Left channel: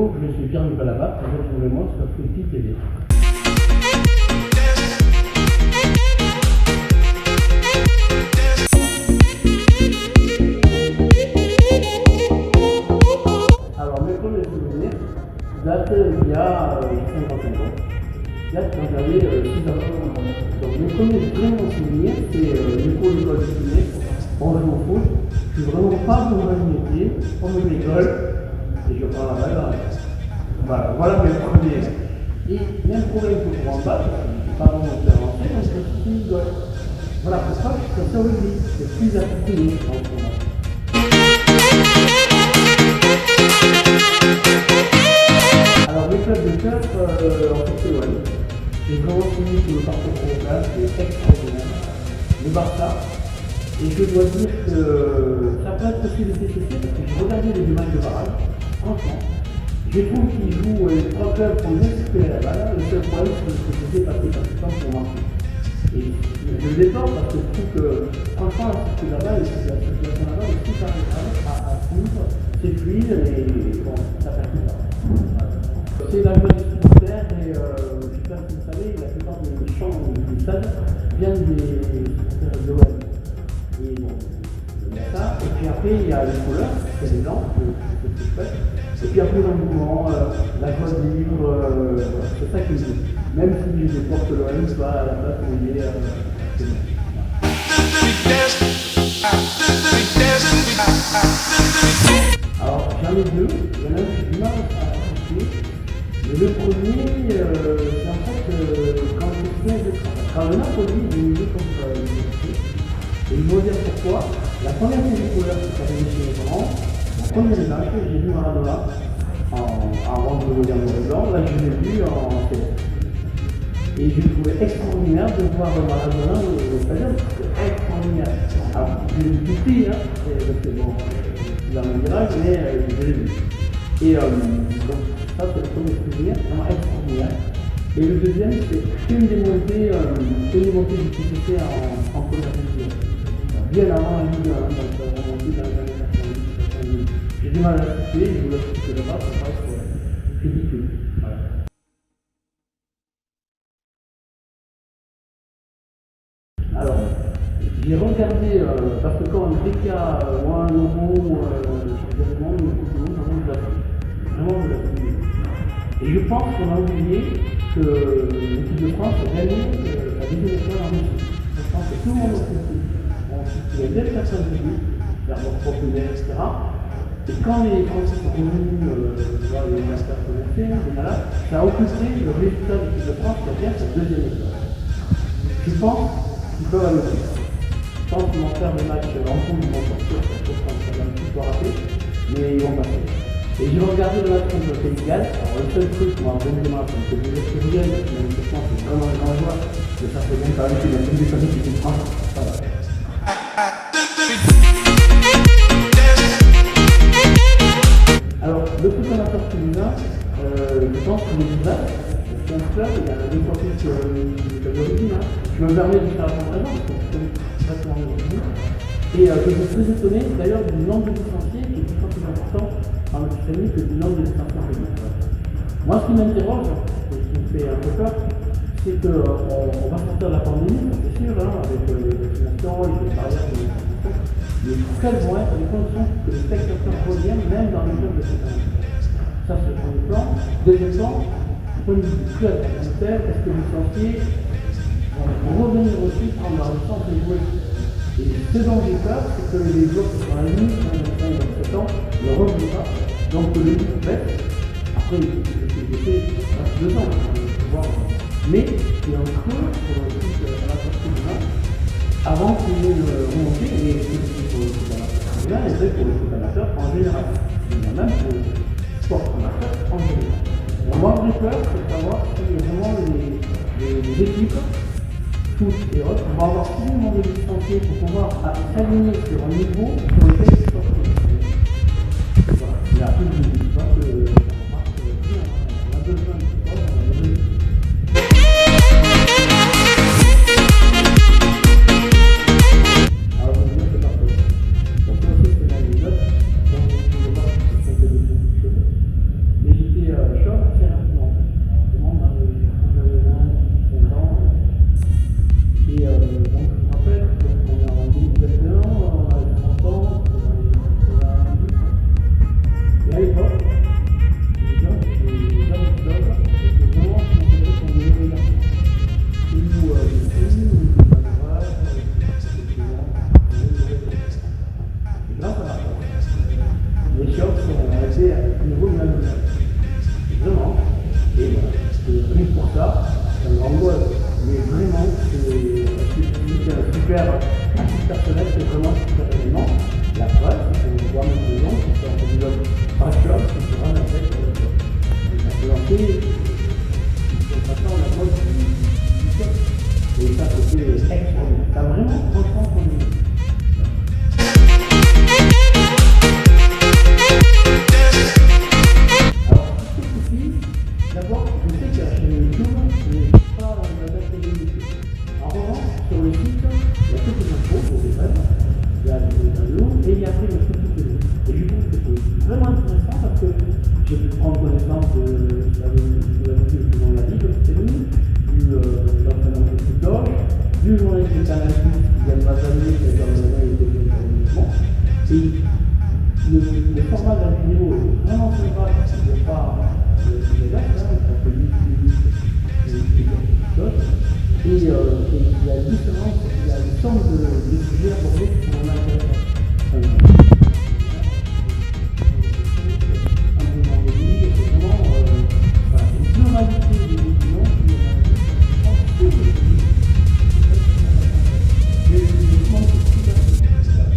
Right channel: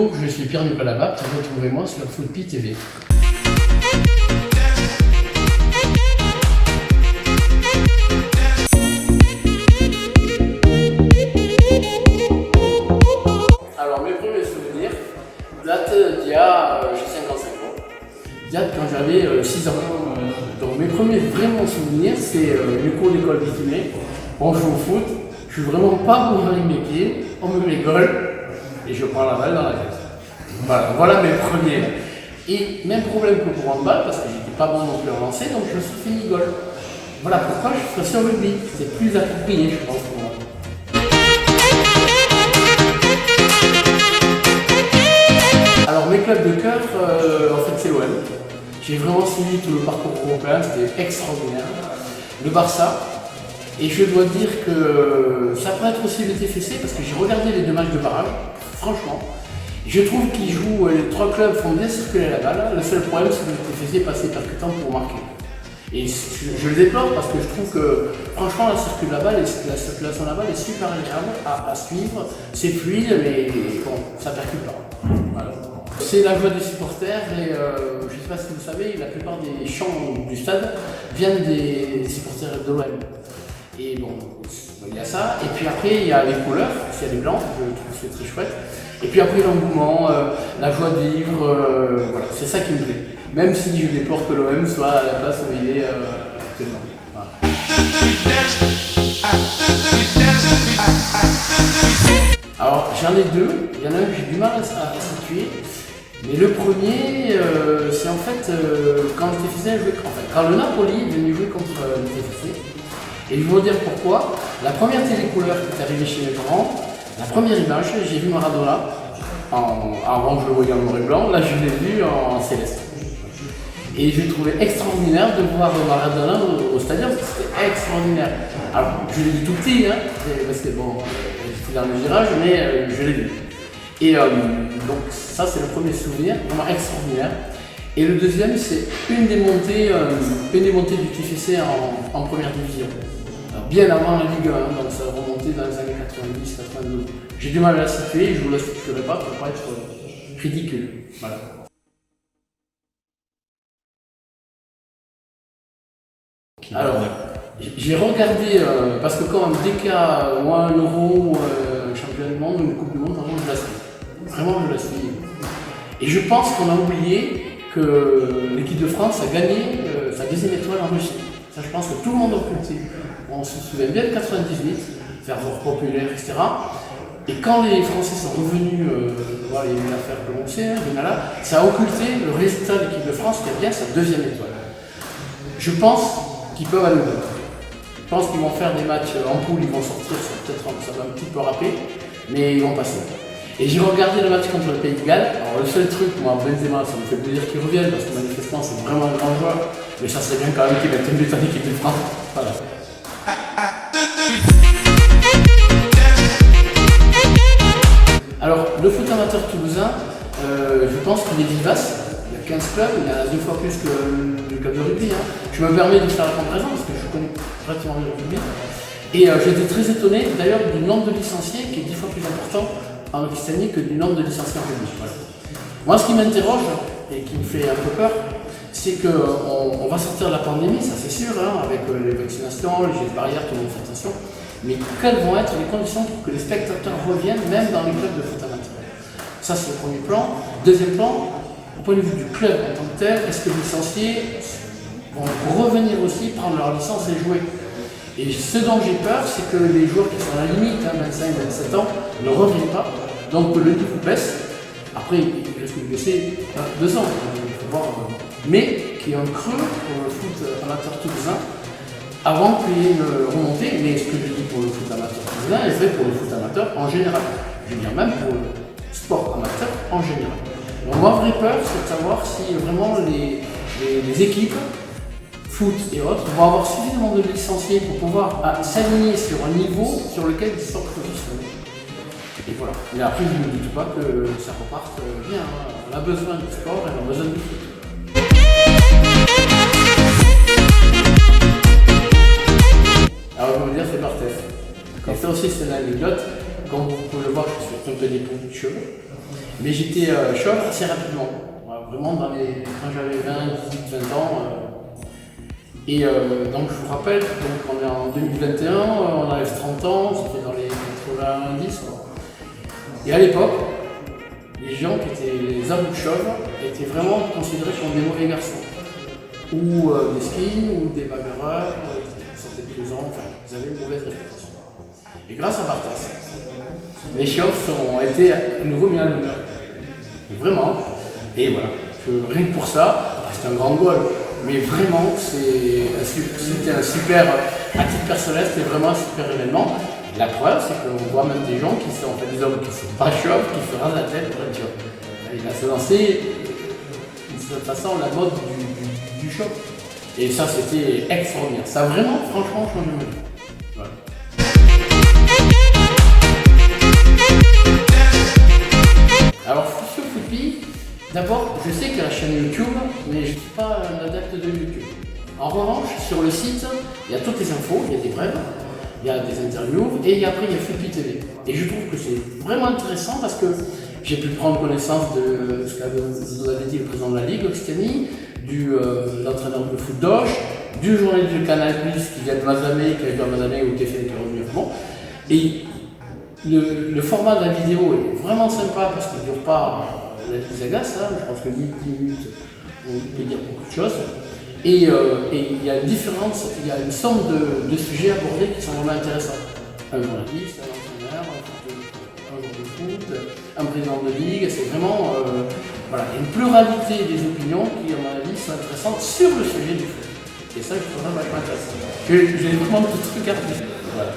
Bonjour, je suis Pierre-Nicolas Bapt, retrouvez-moi sur Footpi TV. Alors mes premiers souvenirs datent d'il y a 55 ans, datent quand j'avais 6 ans. Donc mes premiers vraiment souvenirs, c'est les cours d'école bitumée, on joue au foot, je suis vraiment pas bon avec mes pieds, on me met goal et je prends la balle dans la case. Voilà mes premiers. Et même problème que pour un balle, parce que j'étais pas bon non plus à lancer, donc je me suis fait mi-goal. Voilà pourquoi je suis passé au rugby, c'est plus approprié je pense pour moi. Alors mes clubs de cœur, en fait c'est l'OM. J'ai vraiment suivi tout le parcours européen, c'était extraordinaire. Le Barça. Et je dois dire que ça pourrait être aussi le TFC parce que j'ai regardé les 2 matchs de barrage, franchement. Je trouve qu'ils jouent, les 3 clubs font bien circuler la balle. Le seul problème c'est que le TFC passait pas de temps pour marquer. Et je le déplore parce que je trouve que franchement la circulation de la balle est super agréable à suivre. C'est fluide mais bon, ça percute pas. Voilà. C'est la joie des supporters et je ne sais pas si vous savez, la plupart des chants du stade viennent des supporters de l'OM. Et bon, il y a ça, et puis après il y a les couleurs, c'est les blancs, c'est très chouette. Et puis après l'engouement, la joie de vivre, voilà, c'est ça qui me plaît. Même si je déplore que l'OM soit à la place où il est actuellement. Voilà. Alors j'en ai 2, il y en a un que j'ai du mal à situer. Mais le premier, c'est en fait quand le TFC jouait, quand le Napoli est venu jouer contre le TFC. Et je vais vous dire pourquoi. La première télécouleur qui est arrivée chez mes parents, la première image, j'ai vu Maradona, avant je le voyais en noir et blanc, là je l'ai vu en céleste. Et je trouvais extraordinaire de voir Maradona au stadium, c'était extraordinaire. Alors je l'ai vu tout petit, hein, parce que bon, j'étais dans le virage, mais je l'ai vu. Et donc ça c'est le premier souvenir, vraiment extraordinaire. Et le deuxième c'est une des montées du TFC en première division. Bien avant la Ligue 1, donc ça a remonté dans les années 90-92. J'ai du mal à la situer, je ne vous la situerai pas pour ne pas être ridicule. Voilà. Alors, j'ai regardé, parce que quand dès qu'il y a un euro, un championnat du monde ou une coupe du monde, vraiment je la suis. Vraiment je la suis. Et je pense qu'on a oublié que l'équipe de France a gagné sa 2e étoile en Russie. Ça je pense que tout le monde a occulté. On se souvient bien de 98, ferveur populaire, etc. Et quand les Français sont revenus, il y a eu une affaire commencée, ça a occulté le résultat de l'équipe de France qui a bien sa 2e étoile. Je pense qu'ils peuvent aller au-delà. Je pense qu'ils vont faire des matchs en poule, ils vont sortir, ça va un petit peu rappeler, mais ils vont passer. Et j'ai regardé le match contre le Pays de Galles. Alors le seul truc, moi, Benzema, ça me fait plaisir qu'il revienne parce que manifestement c'est vraiment un grand joueur, mais ça serait bien quand même qu'il mette une but en équipe de France. Voilà. Alors, le foot amateur toulousain, je pense qu'il est vivace. Il y a 15 clubs, il y en a 2 fois plus que le club de rugby. Hein. Je me permets de faire la comparaison parce que je connais pratiquement le rugby. Et j'étais très étonné d'ailleurs du nombre de licenciés qui est 10 fois plus important en Occitanie que du nombre de licenciés en rugby. Voilà. Moi, ce qui m'interroge et qui me fait un peu peur, c'est qu'on va sortir de la pandémie, ça c'est sûr, hein, avec les vaccinations, les gestes barrières, tout le monde fait attention. Mais quelles vont être les conditions pour que les spectateurs reviennent, même dans les clubs de foot amateur? Ça c'est le premier plan. Deuxième plan, au point de vue du club en tant que tel, est-ce que les licenciés vont revenir aussi prendre leur licence et jouer? Et ce dont j'ai peur, c'est que les joueurs qui sont à la limite, 25-27 ans, ne reviennent pas, donc que le niveau baisse. Après, il risque de baisser 2 ans, il faut voir. Mais qu'il y ait un creux pour le foot amateur toulousain avant qu'il y ait une remontée. Mais ce que je dis pour le foot amateur toulousain est vrai pour le foot amateur en général. Je veux dire même pour le sport amateur en général. Donc ma vraie peur, c'est de savoir si vraiment les équipes, foot et autres, vont avoir suffisamment de licenciés pour pouvoir s'aligner sur un niveau sur lequel ils sont positionnés. Et voilà. Mais après, je ne doute pas que ça reparte bien. On a besoin du sport et on a besoin du foot. Alors je vais vous dire, c'est par tête. Et ça aussi c'est une anecdote, comme vous pouvez le voir, je suis trompé des points de cheveux. Mais j'étais été chauve assez rapidement. Vraiment quand j'avais 20, 18, 20 ans. Donc je vous rappelle, donc on est en 2021, on arrive 30 ans, c'était dans les 90 quoi. Et à l'époque, les gens qui étaient les adultes chauves étaient vraiment considérés comme des mauvais garçons. Ou des skins, ou des bagarreurs, c'était plaisant, enfin, ils avaient une mauvaise réputation. Et grâce à Bartas, les chauves ont été à nouveau mis à l'honneur. Vraiment. Et voilà, rien que pour ça, c'est un grand goal. Mais vraiment, c'était un super, à titre personnel, c'était vraiment un super événement. La preuve, c'est qu'on voit même des gens qui sont des hommes qui ne sont pas chauves, qui se rasent la tête pour être chauve. Il va se lancer d'une certaine façon la mode du chauve. Et ça, c'était extraordinaire. Ça a vraiment, franchement, changé ma vie. Voilà. Alors, sur Foupi, d'abord, je sais qu'il y a la chaîne YouTube, mais je ne suis pas un adepte de YouTube. En revanche, sur le site, il y a toutes les infos, il y a des brèves, il y a des interviews, et après il y a Foupi TV. Et je trouve que c'est vraiment intéressant parce que j'ai pu prendre connaissance de ce qu'avait vous avez dit le président de la Ligue, Occitanie, l'entraîneur de foot d'Auch, du journaliste du Canal+, qui vient de Mazamet, qui a été à Mazamet où TF1 était revenu. Bon. Et le format de la vidéo est vraiment sympa parce qu'il ne dure pas les agaces, hein, je pense que 8 minutes, vous pouvez dire beaucoup de choses. Et il y a une somme de sujets abordés qui sont vraiment intéressants. Un journaliste, un entraîneur, un joueur de foot, un président de ligue, c'est vraiment voilà, une pluralité des opinions qui, à mon avis, sont intéressantes sur le sujet du foot. Et ça, je trouve ça vachement intéressant. J'ai vraiment tout regardé. Voilà.